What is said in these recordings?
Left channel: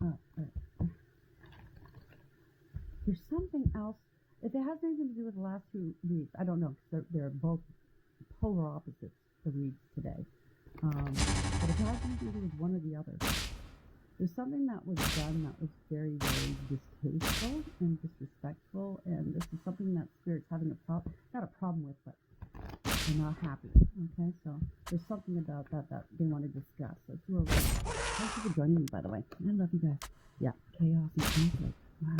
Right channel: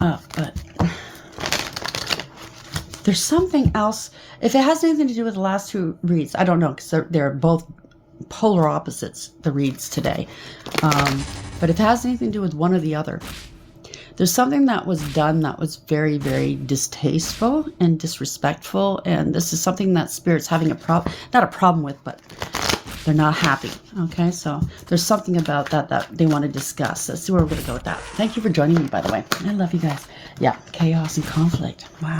up, but there's something else. If it has anything to do with the last two reads, I don't know, because they're both polar opposites, the reads today. But if it has anything to do with one or the other, there's something that was done that was very, very distasteful and disrespectful, and this is something that Spirit's having not a problem with, but they're not happy. Okay, so there's something about that they want to discuss. Let's see where we're going to go with that. Thank you for joining me, by the way. I love you guys. Yeah, chaos and conflict. Wow.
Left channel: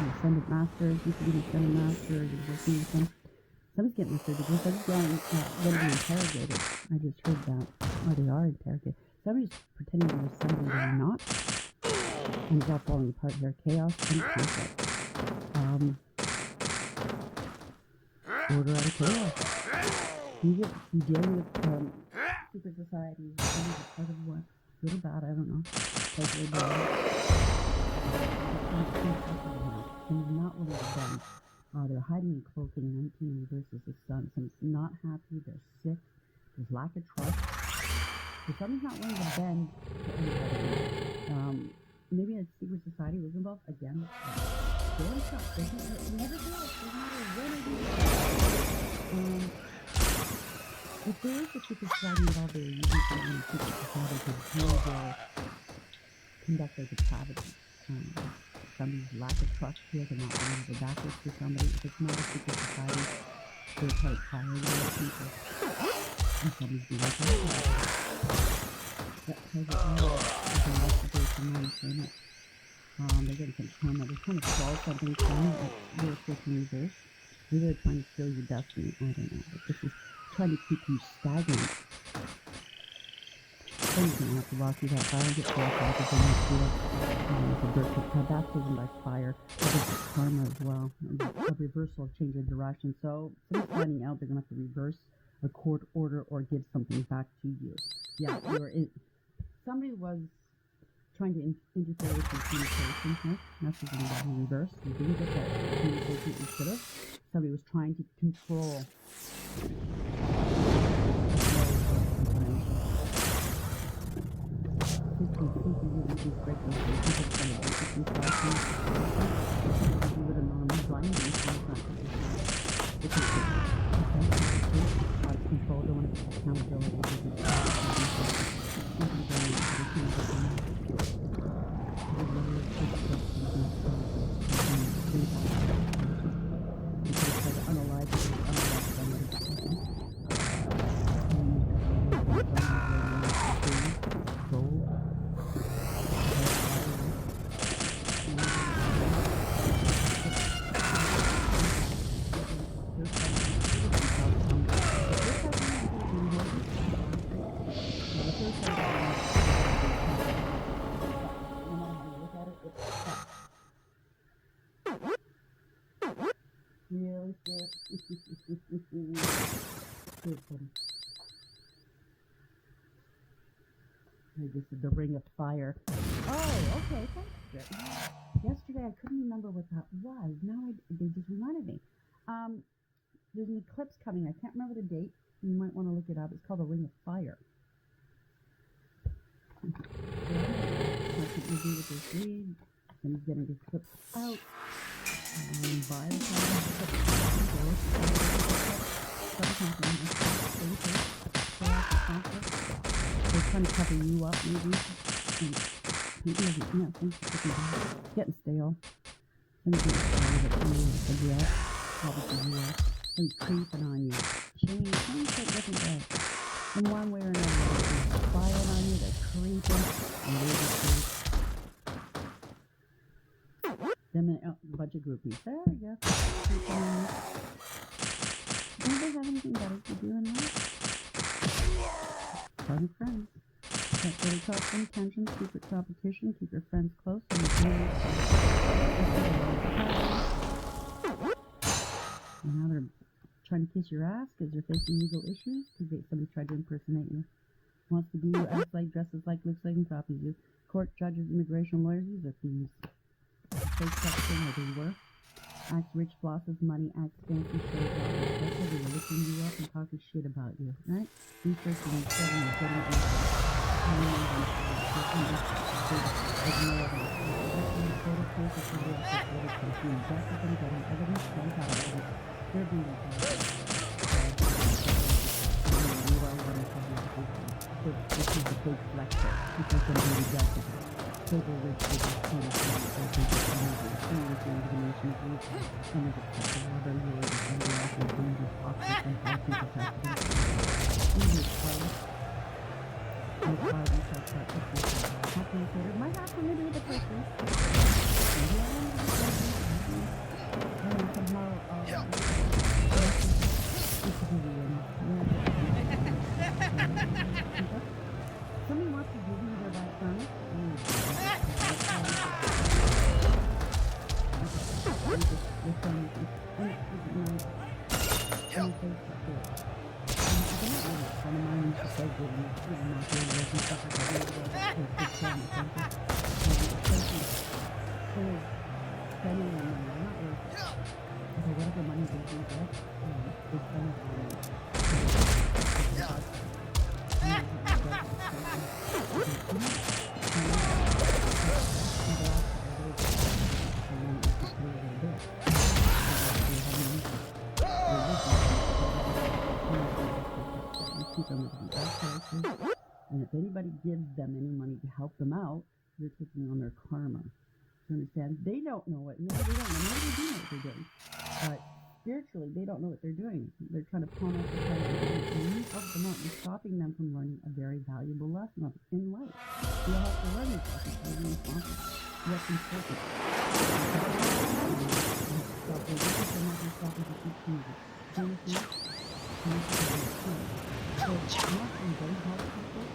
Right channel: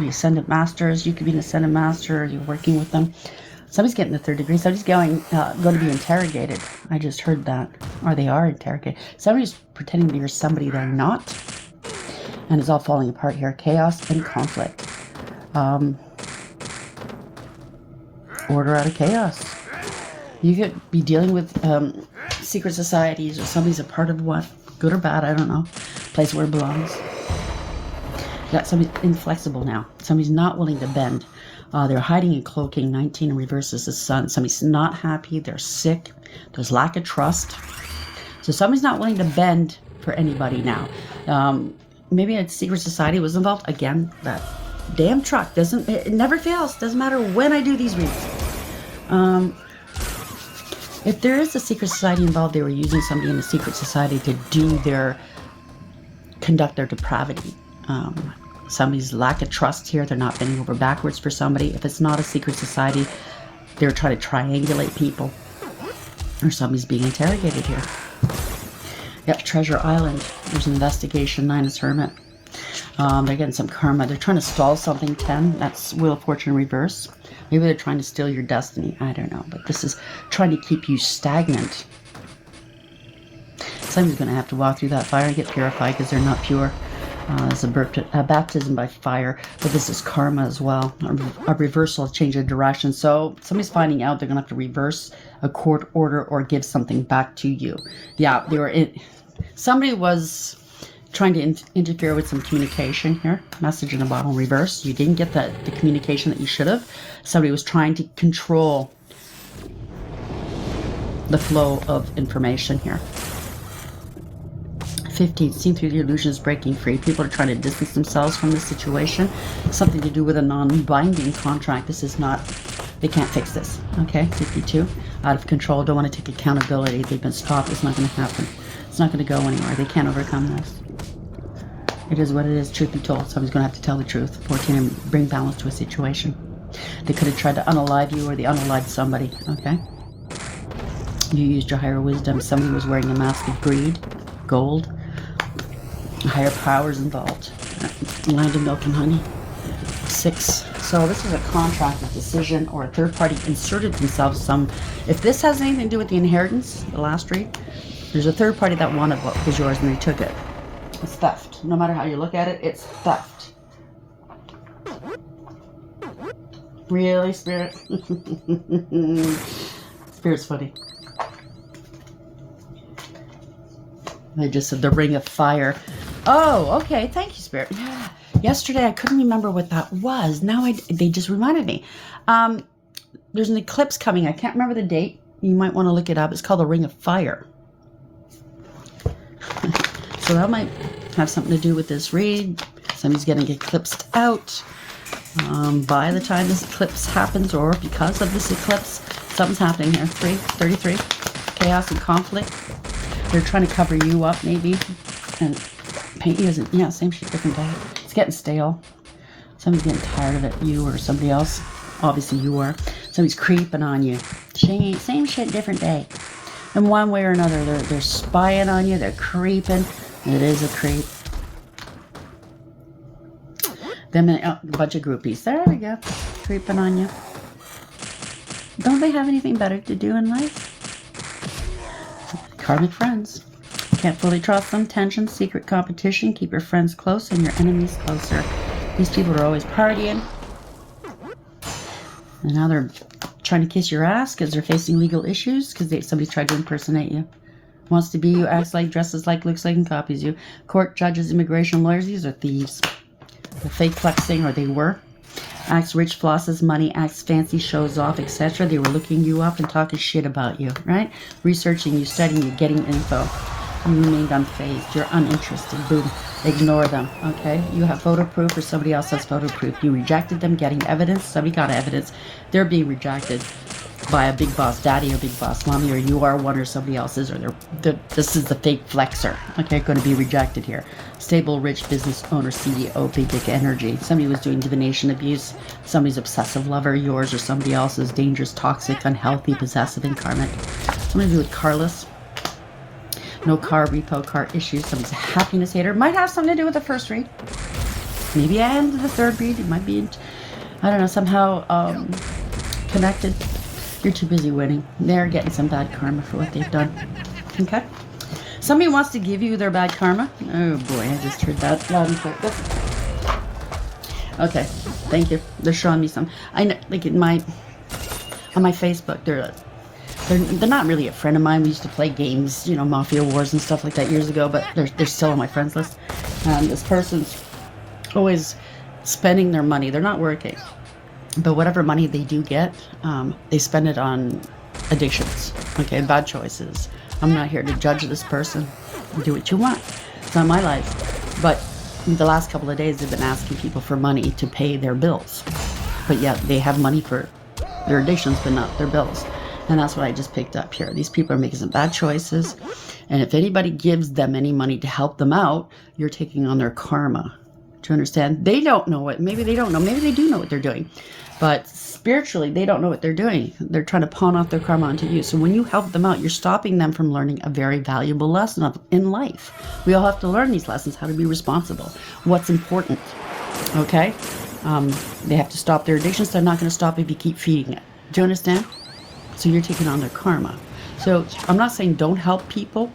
The Ascendant Masters, you could be an Ascendant Master, you're working with them. Somebody's getting the 3rd degree. Somebody's going to be interrogated. I just heard that. Or they are interrogated. Somebody's pretending that you're somebody they're not. And it's all falling apart here. Chaos and conflict. Order out of chaos. You could be dealing with secret societies, or somebody's a part of what? Good or bad, I don't know. Place where it belongs. Yeah, somebody's inflexible now. Somebody's not willing to bend. They're hiding and cloaking. 19 in reverse is the sun. Somebody's not happy. They're sick. There's lack of trust. So somebody's not willing to bend for anybody now. Maybe a secret society was involved. Again, that damn truck it never fails. Doesn't matter when I do these readings. If there is a secret society involved, they were using somebody in the secret society to conduct their depravity. Somebody's lack of trust here. They're not bending over backwards for somebody. If it's not a secret society, they're trying to triangulate people. Or somebody's being interrogated here. Yep, Treasure Island. There's investigation. 9 is Hermit. They're getting some karma. They're trying to stall something. 10. That's Wheel of Fortune reverse. Maybe they're trying to steal your destiny. I don't know. But this is trying to keep you stagnant. Somebody's going to have to walk through that fire and get purified because they're not pure. It's a baptism by fire, but this is karma as well. A reversal, change of direction. So somebody's finding out they're going to have to reverse a court order or give something back to you. Yeah, somebody was trying to interfere with some communication here. Message in a bottle reverse. You didn't get the communication that you should have. Somebody was trying to control the flow of information here. 15, seen through the illusions, breaking free. People are trying to distance themselves from the situation. Something to do with a non-binding contract. This is not, they can't fix this. Okay, 52, out of control, don't want to take accountability. They've been stopped, it's not going to happen. It's not going to go anywhere. They can't overcome this. It is what it is, truth be told. Someone's going to have to tell the truth. 14, bring balance to a situation. They could have tried to unalive you, or they unalived somebody. Okay, you used your higher wisdom. Somebody was wearing a mask of greed, gold. Higher powers involved. Land of milk and honey. 6. So this is a contract, a decision, or a third party inserted themselves if this has anything to do with the inheritance, the last read, there's a third party that wanted what was yours and they took it. It's theft. No matter how you look at it, it's theft. Really, Spirit? Spirit's funny. They just said the ring of fire. Oh, okay. Thank you, Spirit. Yeah. Yesterday, I couldn't remember what that was. Now they just reminded me. There's an eclipse coming. I can't remember the date. You might want to look it up. It's called the Ring of Fire. So that might have something to do with this read. Somebody's getting eclipsed out. By the time this eclipse happens, or because of this eclipse, something's happening here. 33. Chaos and conflict. They're trying to cover you up, maybe, and paint you as same shit, different day. It's getting stale. Somebody's getting tired of it, you or somebody else. Obviously, you are. Somebody's creeping on you. Same shit, different day. In one way or another, they're spying on you. They're creeping. It is a creep. Them and a bunch of groupies. There we go. Creeping on you. Don't they have anything better to do in life? Karmic friends. Can't fully trust them. Tension, secret competition. Keep your friends close and your enemies closer. These people are always partying. And now they're trying to kiss your ass because they're facing legal issues because somebody tried to impersonate you. Wants to be you, acts like, dresses like, looks like, and copies you. Court, judges, immigration lawyers. These are thieves. They're fake flexing, or they were. Acts rich, flosses money, acts fancy, shows off, etc. They were looking you up and talking shit about you, right? Researching you, studying you, getting info. You remained unfazed. You're uninterested. Dude, ignore them, okay? You have photo proof or somebody else has photo proof. You rejected them getting evidence. Somebody got evidence. They're being rejected by a big boss daddy or big boss mommy, or you are one or somebody else's, or this is the fake flexer, okay? Going to be rejected here. Stable, rich business owner, CEO, big energy. Somebody was doing divination abuse. Somebody's obsessive lover, yours or somebody else's. Dangerous, toxic, unhealthy, possessive, and karmic. Somebody with carless. No car, repo, car issues. Somebody's a happiness hater. Might have something to do with the first read. Maybe I am the third read. It might be, I don't know, somehow connected. You're too busy winning. They're getting some bad karma for what they've done. Okay? Somebody wants to give you their bad karma. Oh boy, I just heard that loud and clear. Okay, thank you. They're showing me some. I know, like on my Facebook, they're not really a friend of mine. We used to play games, you know, Mafia Wars and stuff like that years ago, but they're still on my friends list. This person's always spending their money. They're not working. But whatever money they do get, they spend it on addictions, okay, bad choices. I'm not here to judge this person. Do what you want. It's not my life. But the last couple of days, they've been asking people for money to pay their bills. But yet they have money for their addictions, but not their bills. And that's what I just picked up here. These people are making some bad choices. And if anybody gives them any money to help them out, you're taking on their karma. Do you understand? They don't know it. Maybe they don't know. Maybe they do know what they're doing. But spiritually, they don't know what they're doing. They're trying to pawn off their karma onto you. So when you help them out, you're stopping them from learning a very valuable lesson in life. We all have to learn these lessons, how to be responsible, what's important. Okay? They have to stop their addictions. They're not going to stop if you keep feeding it. Do you understand? So you're taking on their karma. So I'm not saying don't help people.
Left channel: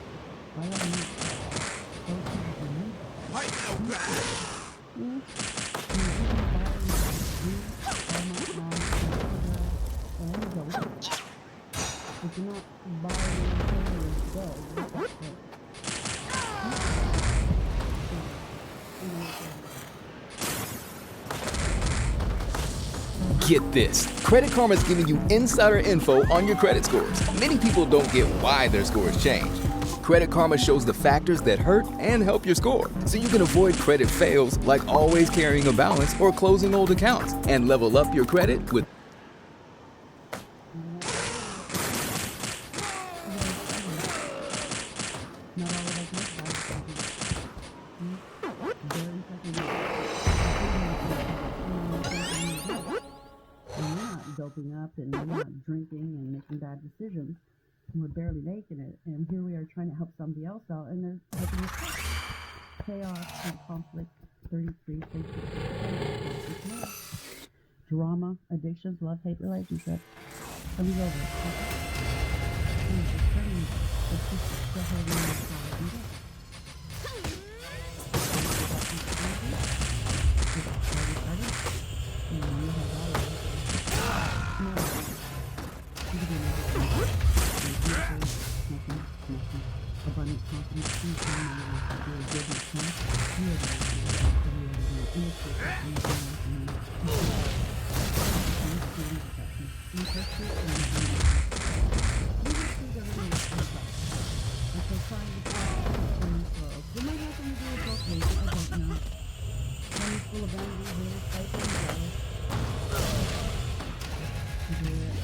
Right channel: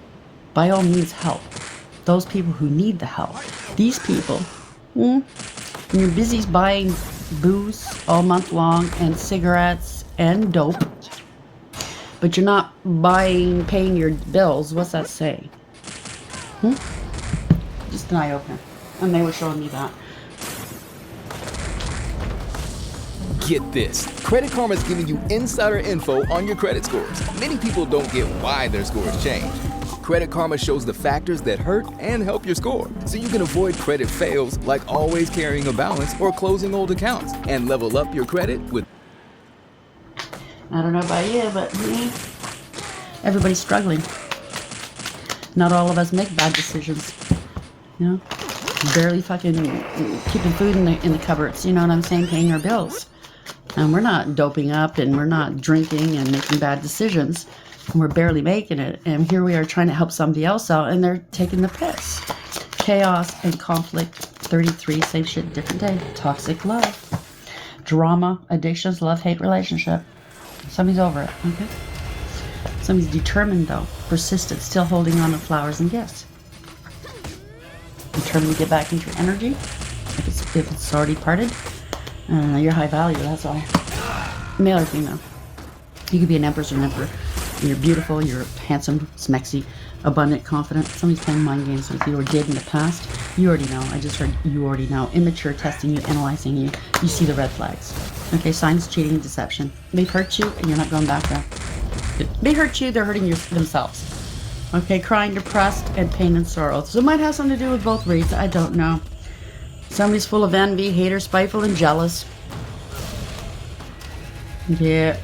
By all means, help those people who need the help. These people, you're busy buying booze all month long and cigarettes and dope, but you're not paying your bills. What's that say? Just an eye open. And they were showing me that. Get this. Credit Karma is giving you insider info on your credit scores. Many people don't get why their scores change. Credit Karma shows the factors that hurt and help your score, so you can avoid credit fails like always carrying a balance or closing old accounts, and level up your credit with... I don't know about you, but everybody's struggling. Not all of us make bad decisions. You know? Barely fucking keeping food in the cupboards, you know what I'm saying? Paying our bills. And we're not doping up and we're not drinking and making bad decisions. And we're barely making it. And here we are trying to help somebody else out and they're taking the piss. Chaos and conflict, 33, same shit, different day. Toxic love. Drama, addictions, love-hate relationship. Somebody's over it, okay? Somebody's determined though, persistent, still holding on to flowers and gifts. Determined to get back into energy. If it's already parted. You're high value, that's all. Male or female. You could be an empress or an emperor. You're beautiful, you're handsome, smexy, abundant, confident. Somebody's playing mind games with you or did in the past. You already know. I just heard you already know. Immature, testing you, analyzing you. You see the red flags. Okay, signs, cheating, deception. They hurt you and you're not going back there. They hurt you, they're hurting themselves. Okay, crying, depressed, and pain and sorrow. So it might have something to do with both reads. I don't know. Somebody's full of envy, hater, spiteful, and jealous. Yeah.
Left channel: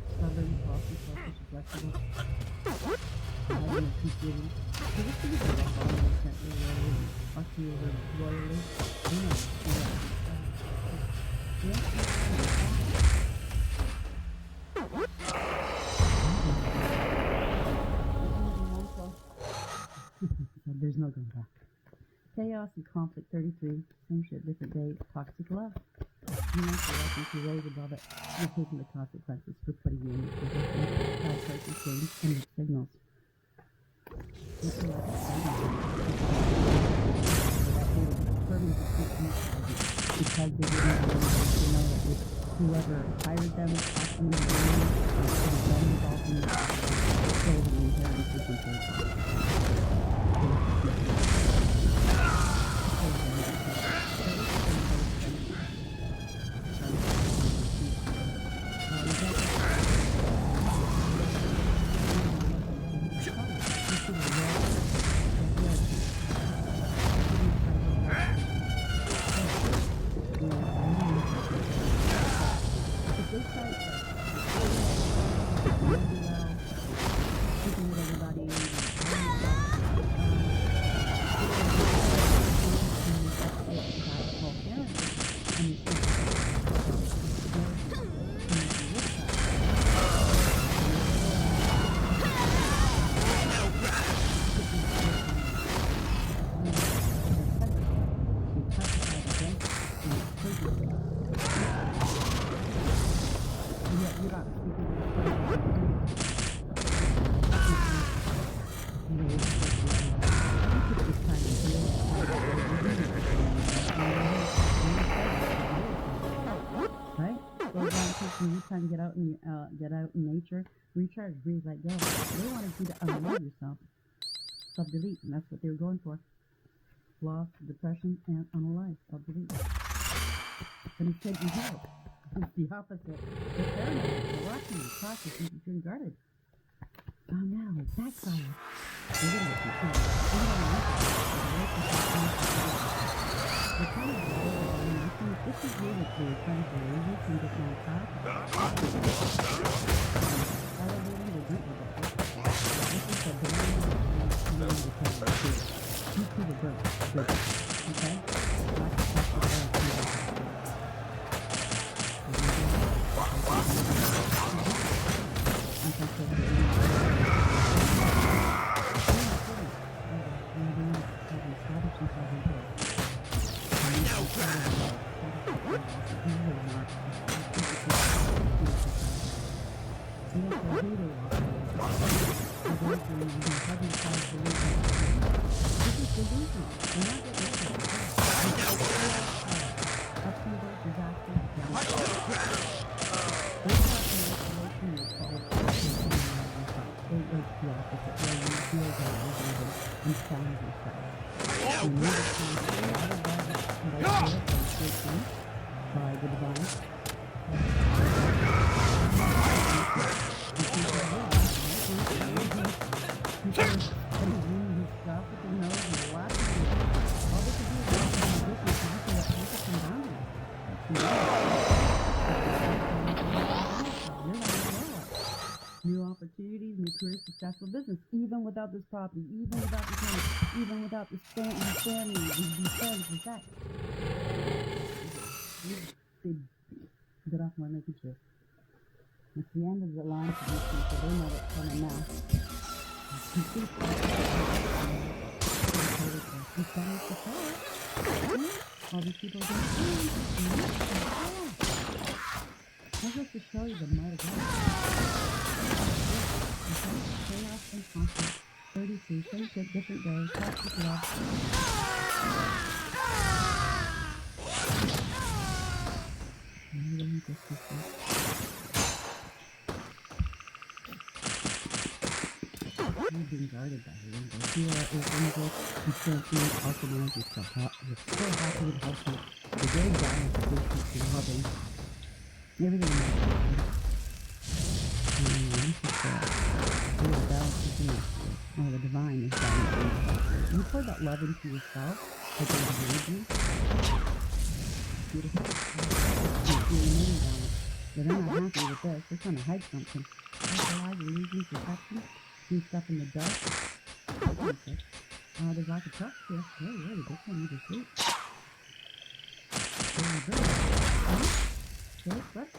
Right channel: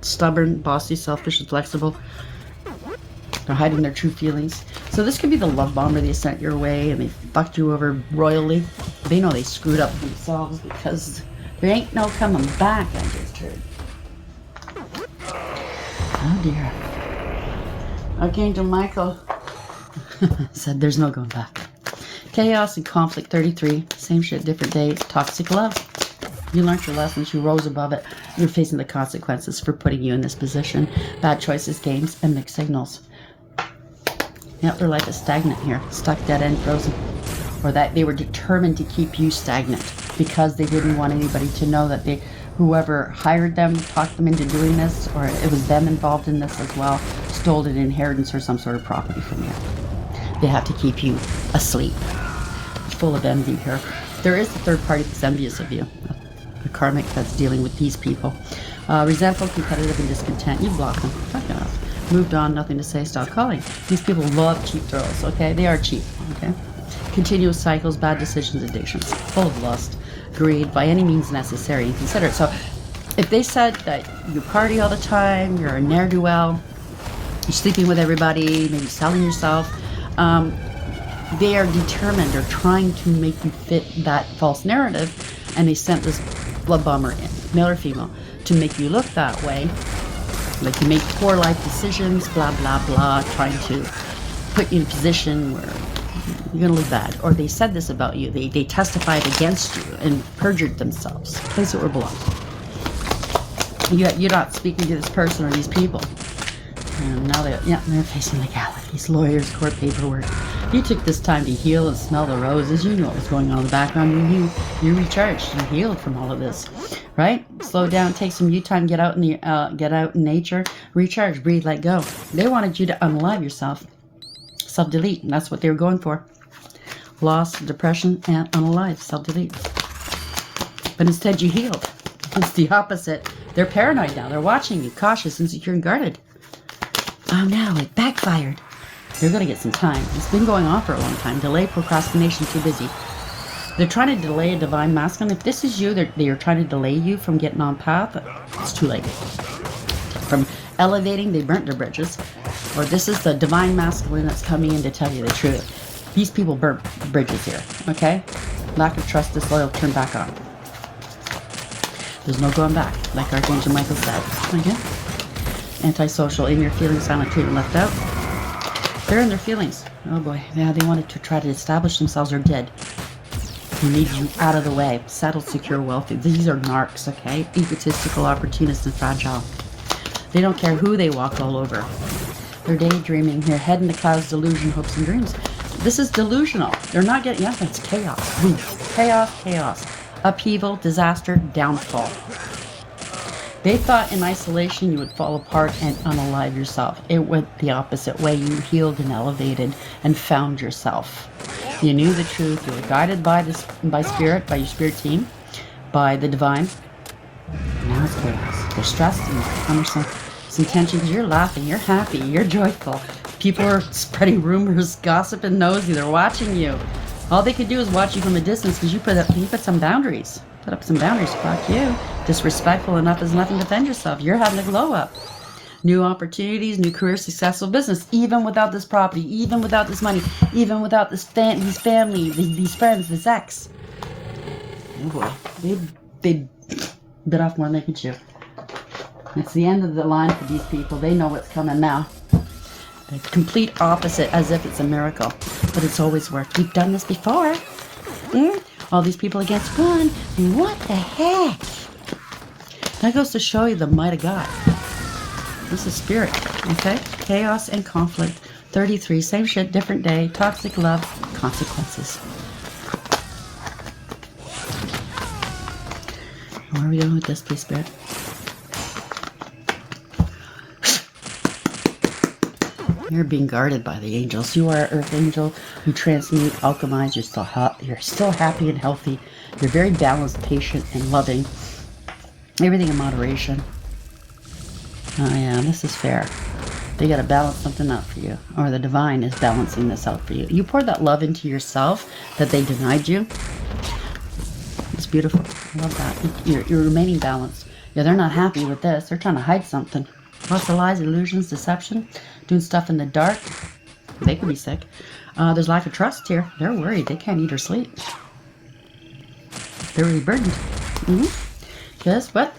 Stubborn, bossy, selfish, and flexible. They're hiding their true feelings. So this could be the love bomber they sent your way and they fucked you over royally. They know they screwed up themselves because there ain't no coming back after it. Oh dear. Archangel Michael said there's no going back. Chaos and conflict, 33. Same shit, different day. Toxic love. You learned your lessons. You rose above it. You're facing the consequences for putting you in this position. Bad choices, games, and mixed signals. Yep, their life is stagnant here. Stuck, dead end, frozen. Or that they were determined to keep you stagnant because they didn't want anybody to know that whoever hired them, talked them into doing this, or it was them involved in this as well, stole an inheritance or some sort of property from you. They have to keep you asleep. Full of envy here. There is a third party that's envious of you. A karmic that's dealing with these people. Resentful, competitive, and discontent. You block them. Moved on, nothing to say, stop calling. These people love cheap thrills, okay? They are cheap, okay? Continuous cycles, bad decisions, addictions, full of lust, greed, by any means necessary and considered. So if they said that you party all the time, you're a ne'er-do-well, you're sleeping with everybody, maybe selling yourself, they are determined, they're trying to make you fit that false narrative, and they sent this love bomber in, male or female, to make you look that way, like you make poor life decisions, blah, blah, blah, trying to put you in a position where you're going to look bad. Or they said this about you, they testified against you and perjured themselves. Place it where it belongs. You're not speaking to this person or these people. And now they're facing legalities, lawyers, court paperwork. You took this time to heal and smell the roses. You know what's going on in the background. You recharged and healed from all of this, right? Slow down, take some you time, get out in nature, recharge, breathe, let go. They wanted you to unalive yourself, self-delete, and that's what they were going for. Loss, depression, and unalive, self-delete. But instead, you healed. It's the opposite. They're paranoid now. They're watching you, cautious, insecure, and guarded. Oh no, it backfired. They're going to get some time. It's been going on for a long time. Delay, procrastination, too busy. They're trying to delay a divine masculine. If this is you, they're trying to delay you from getting on path. It's too late. From elevating, they burnt their bridges. Or this is the divine masculine that's coming in to tell you the truth. These people burnt bridges here, okay? Lack of trust, disloyal, turn back on. There's no going back, like Archangel Michael said. Okay? Antisocial, in your feelings, silent treatment, left out. They're in their feelings. Oh boy, yeah, they wanted to try to establish themselves or dead. They need you out of the way. Settled, secure, wealthy. These are narcs, okay? Egotistical, opportunists, and fragile. They don't care who they walk all over. They're daydreaming here, head in the clouds, delusion, hopes, and dreams. This is delusional. They're not getting up. It's chaos. Chaos, chaos. Upheaval, disaster, downfall. They thought in isolation you would fall apart and unalive yourself. It went the opposite way. You healed and elevated and found yourself. You knew the truth. You were guided by spirit, by your spirit team, by the divine. You're stressed and under some tension because you're laughing, you're happy, you're joyful. People are spreading rumors, gossip, and nosy. They're watching you. All they could do is watch you from a distance because you put some boundaries. Put up some boundaries. Fuck you. Disrespectful enough is nothing to defend yourself. You're having a glow up. New opportunities, new career, successful business. Even without this property, even without this money, even without this these family, these friends, this ex. Oh boy. They bit off more than they could chew. It's the end of the line for these people. They know what's coming now. The complete opposite, as if it's a miracle. But it's always worked. We've done this before. All these people against one. What the heck? That goes to show you the might of God. This is spirit, okay? Chaos and conflict. 33, same shit, different day. Toxic love, consequences. What are we doing with this, please, spirit? You're being guarded by the angels. You are an earth angel. You transmute, alchemize. You're still happy and healthy. You're very balanced, patient, and loving. Everything in moderation. Oh yeah, this is fair. They gotta balance something out for you. Or the divine is balancing this out for you. You poured that love into yourself that they denied you. It's beautiful. I love that. You're remaining balanced. Yeah, they're not happy with this. They're trying to hide something. Lots of lies, illusions, deception. Doing stuff in the dark. They could be sick. There's lack of trust here. They're worried. They can't eat or sleep. They're really burdened. Just what?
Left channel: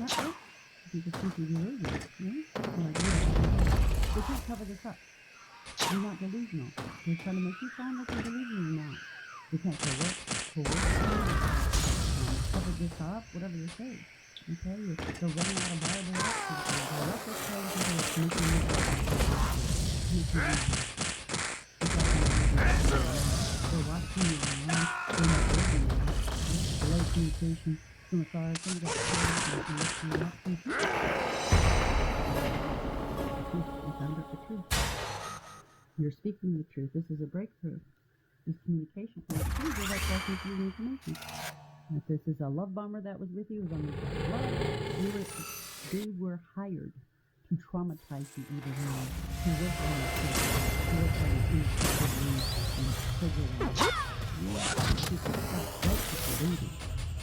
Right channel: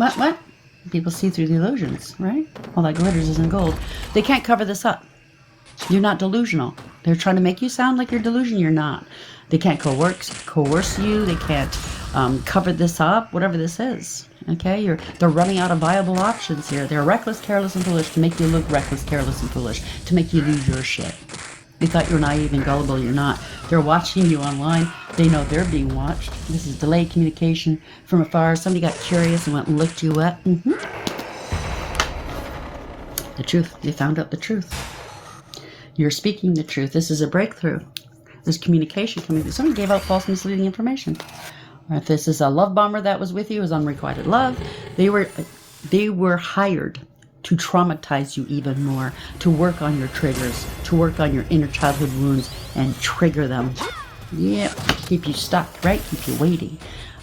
People see through the illusions, right? All that glitters isn't gold. They can't cover this up. You're not delusional. They're trying to make you sound like you're delusional. You're not. They can't coerce you. They can't cover this up. Whatever this is. Okay, they're running out of viable options here. They're reckless, careless, and foolish to make you look reckless, careless, and foolish, to make you lose your shit. You thought you're naive and gullible, you're not. They're watching you online. They know they're being watched. This is delayed communication from afar. Somebody got curious and went and looked you up. The truth. They found out the truth. You're speaking the truth. This is a breakthrough. There's communication coming through. Somebody gave out false, misleading information. If this is a love bomber that was with you, it was unrequited love. They were hired to traumatize you even more, to work on your triggers, to work on your inner childhood wounds and trigger them. Yeah, keep you stuck, right? Keep you waiting.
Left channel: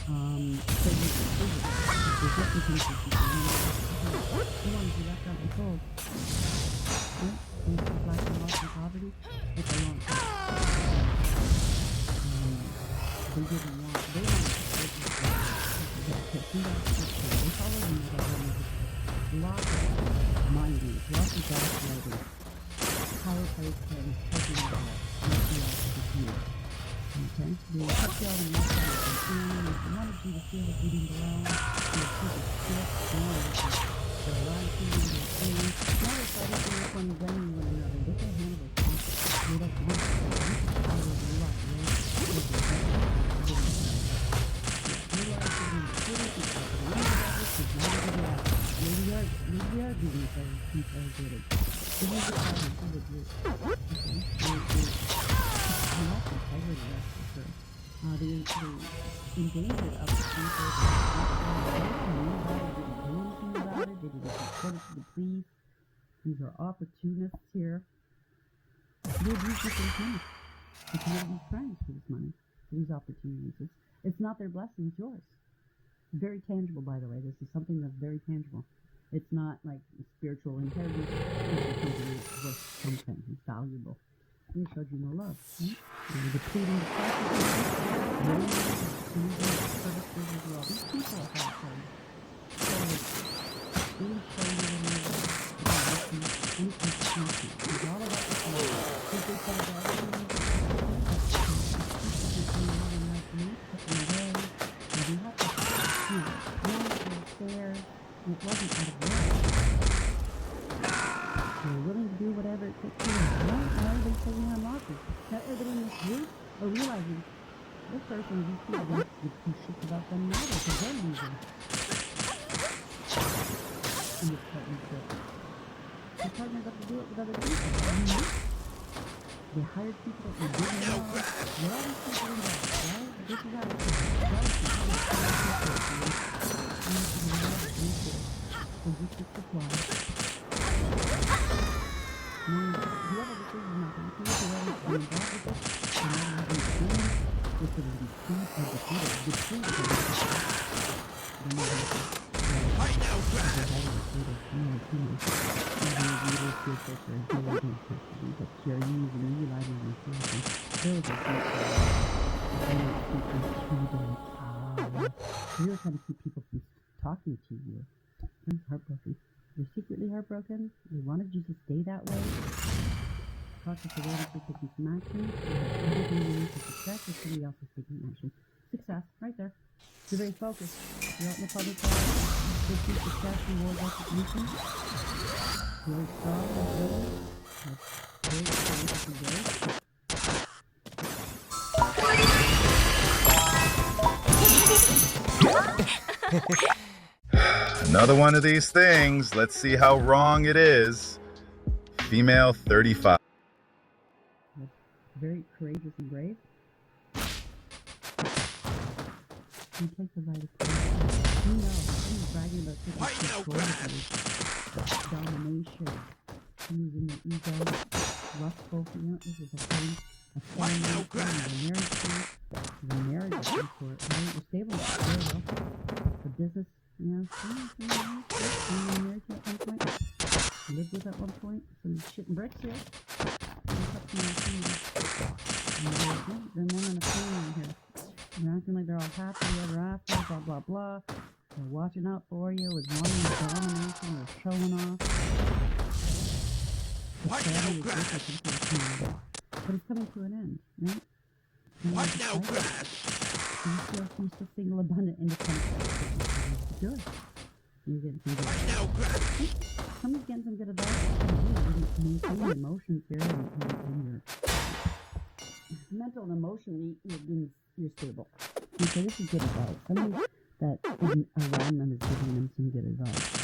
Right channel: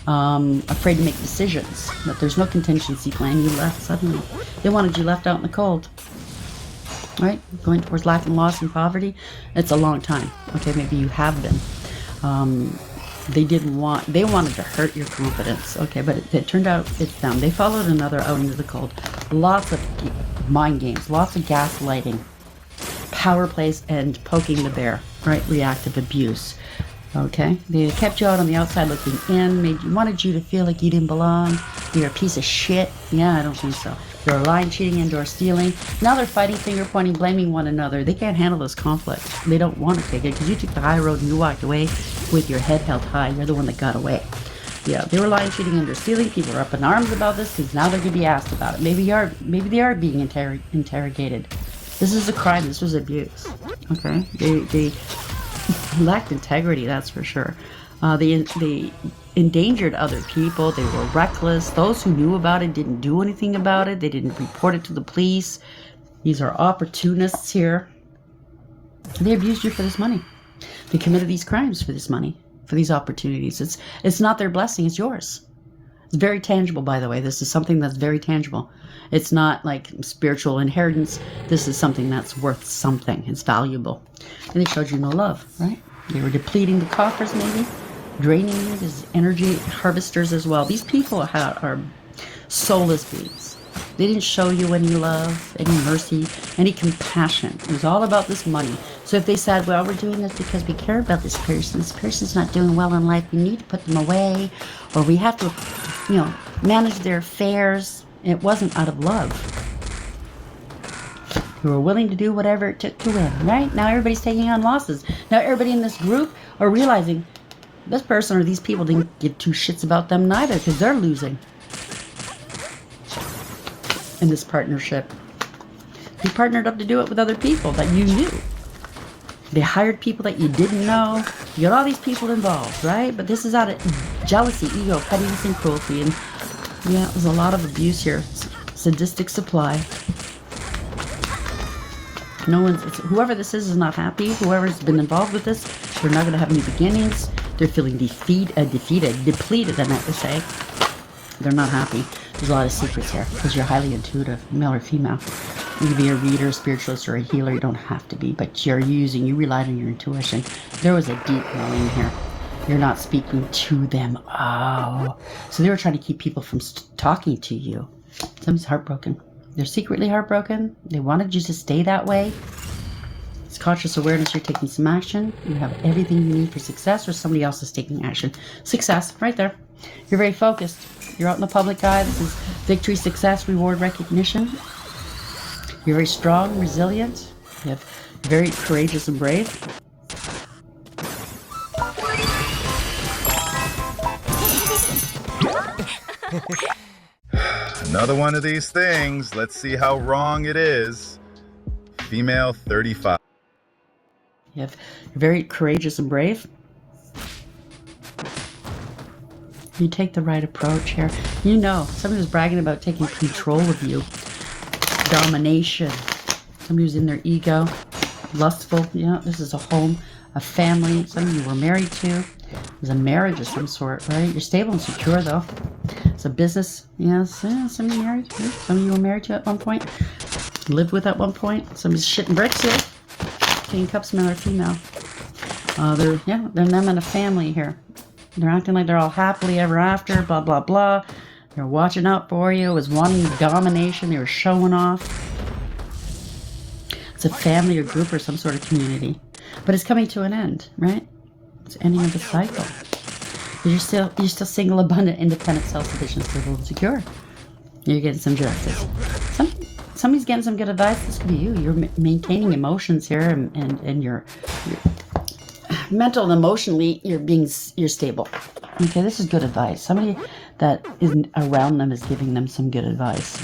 Afraid to make decisions. But there's no contingency plan. You left suddenly. They wanted you left out in the cold. Right? Going towards lack and loss and poverty. It's a long time. Okay, maybe you have been. They wanted to hurt your confidence. Okay, but it turned out it's them. They followed another out into the cold. Lots of mind games, lots of gaslighting, power plays, and poking the bear, right? Reactive abuse. Okay, they kept you out on the outside looking in, wanted you to feel like you didn't belong. You're a piece of shit. Yeah, I don't think so. They're lying, cheating, and or stealing. Now they're fighting, finger pointing, blaming one another. They can't handle this conflict. They don't want to take it because you took the high road and you walked away with your head held high. You're the one that got away. Yeah, they were lying, cheating, and or stealing. People are up in arms about this because now they're going to be asked about it. Maybe they are being interrogated. This is a crime. This was abuse. Okay, they lacked integrity, that's for sure. They endangered other people. They were reckless. Those who knew about it didn't do anything about it. They didn't report it to the police. These are opportunists here. They abused you for this money. They committed these crimes for this money, for these opportunities. It's not their blessing, it's yours. It's very tangible, by the way. This is something that's very tangible. It's not like spiritual inheritance. This is something that's worth something. It's valuable. And they showed you no love, right? They were depleting the coffers, maybe, draining you as energy harvesters as well. These people are soulless beings. They didn't show you any love, any mercy, any compassion. It was all about this money. So if they said, well, we're doing this because we care about this person's not doing well in life, we need to put them away, or we have to, manage their affairs. It wasn't out of love. You were willing to do whatever it took to win, right? Now everybody's taking on losses. Now everybody in this group are realizing this person or these people didn't give two shits about them neither because they're losing in this partnership. You partnered up to do it with other people that you knew. They hired people that you didn't know. You got all these people involved, right? But this is out of jealousy, ego, pettiness, and cruelty. And yeah, there's a lot of abuse here. Sadistic supply. Whoever this is not happy. Whoever's been involved with this, they're not going to have any beginnings. They're feeling defeated, depleted, I meant to say. They're not happy. There's a lot of secrets here because you're highly intuitive, male or female. You can be a reader, spiritualist, or a healer. You don't have to be, but you relied on your intuition. There was a deep knowing here. You're not speaking to them. Oh. So they were trying to keep people from talking to you. Somebody's heartbroken. They're secretly heartbroken. They wanted you to stay that way. It's conscious awareness. You're taking some action. You have everything you need for success, or somebody else is taking action. Success, right there. You're very focused. You're out in the public eye. This is victory, success, reward, recognition. You're very strong, resilient. You're very courageous and brave. Another one of these things. Let's see how wrong it is. Female 35. You're very courageous and brave. You take the right approach here. You know, somebody was bragging about taking control of you. Domination. Somebody who's in their ego. Lustful. Yeah, this is a home, a family. Somebody you were married to. There's a marriage of some sort, right? You're stable and secure, though. It's a business. Yes, somebody married to. Somebody you were married to at one point. Lived with at one point. Somebody's shitting bricks here. King Cups, male or female. They're them and a family here. They're acting like they're all happily ever after, blah, blah, blah. They're watching out for you. It was wanting domination. They were showing off. It's a family or group or some sort of community. But it's coming to an end, right? It's ending of the cycle. You're still single, abundant, independent, self-sufficient, stable, and secure. You're getting some justice. Somebody's getting some good advice. This could be you. You're maintaining emotions here, and you're mental and emotionally, you're stable. Okay, this is good advice. Somebody that isn't around them is giving them some good advice.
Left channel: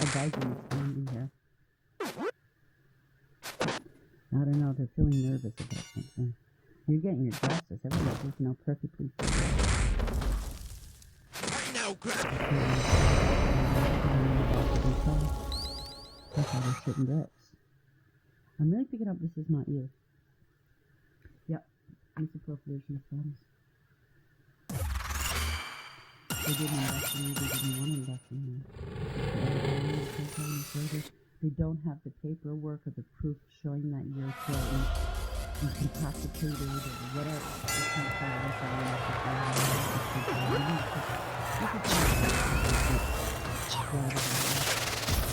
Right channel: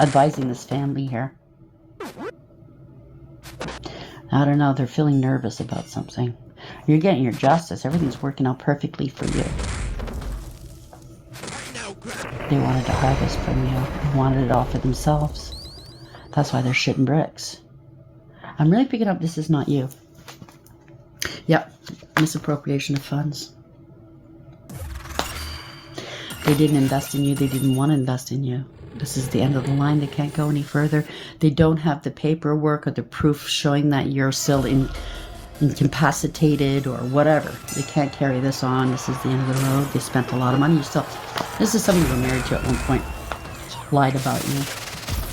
Advising this family here. I don't know, they're feeling nervous about something. You're getting your justice. Everything's working out perfectly for you. They wanted to harvest from you. They wanted it all for themselves. That's why they're shitting bricks. I'm really picking up this is not you. Yep, misappropriation of funds. They didn't invest in you. They didn't want to invest in you. This is the end of the line. They can't go any further. They don't have the paperwork or the proof showing that you're still incapacitated or whatever. They can't carry this on. This is the end of the road. They spent a lot of money. This is somebody you're married to at one point. Lied about you.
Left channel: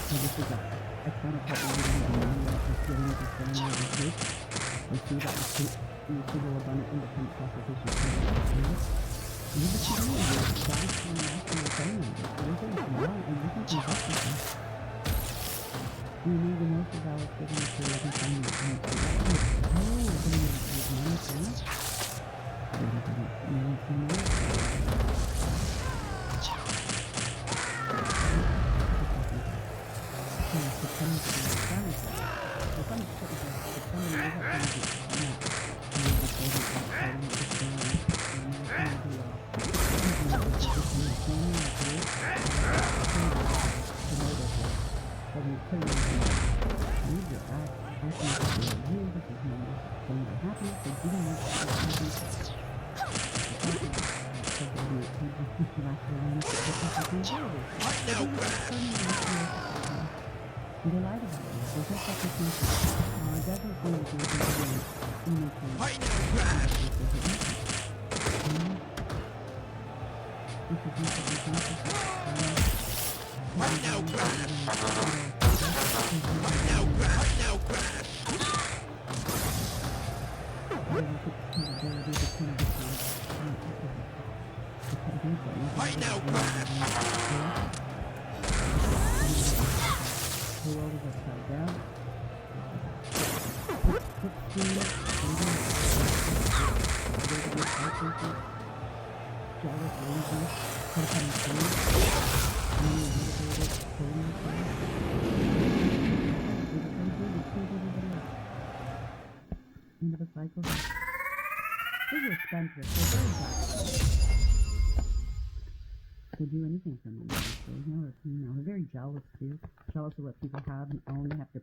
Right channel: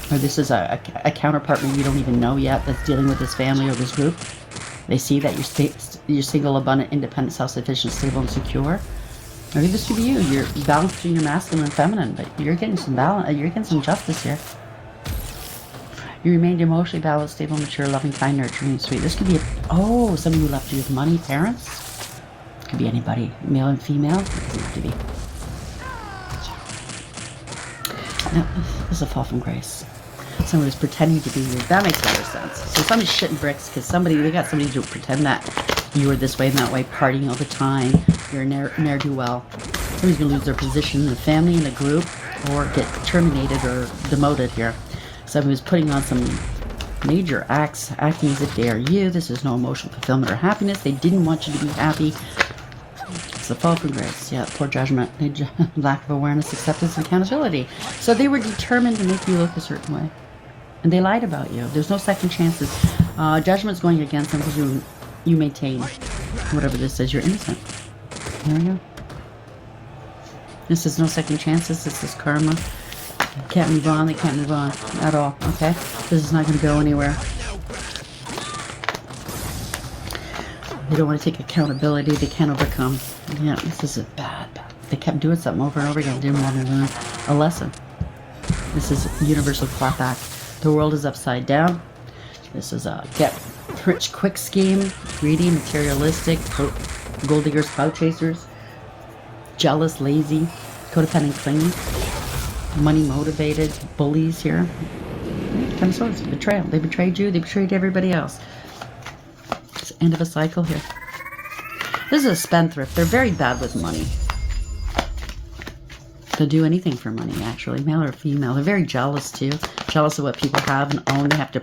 Or this is a counterpart that you don't even know yet that's dealing with this family or this group. They see that you're single, abundant, independent, self-sufficient, stable, and secure. Maybe this should be you. You're balancing your masculine and feminine, but you're getting some balance. You're getting some justice here. You remained emotionally balanced, stable, mature, loving, kind, nurturing, and sweet. This could be somebody who left you with money, parents. Could be anybody, male and female. Could be. This is a fall from grace. Somebody's pretending to be you. That makes a lot of sense. So somebody's shitting bricks because they got somebody to pretend that you were this way and that way, partying all the time. You're a ne'er-do-well. Somebody's going to lose their position in the family, in the group, or get terminated or demoted here. Somebody was putting on some major acts, acting as if they are you. This is no emotional fulfillment or happiness. They didn't want you to be happy. It's the fall from grace. Yeah, poor judgment. Lack of awareness, acceptance, and accountability. So they were determined to make you look a certain way. And they lied about you. There's no second chances. Judgment's going against them because you maintain whatever this is. You're innocent. This is no second chances. This is karma. Can't move on. They can't move on at all. Okay? This is not going to go anywhere. They don't want to take accountability. They can't overcome. Yeah, this is bad. They kept doing something over and over again. They didn't want to learn a lesson. This is a universal clock act. The world is upside down. This is a get-rich-quick scheme. Greedy, materialistic, gold diggers, clout chasers, jealous, lazy, codependent, clingy, money-motivated, bullies here. Ten of Swords, betrayal. They betrayed you. They betrayed everybody else. It's the end of a cycle here. This is a spendthrift. They're very bad with money. They'll do anything for money, actually, male or female. They're very jealous, too. Jealous of what people have and own. They have to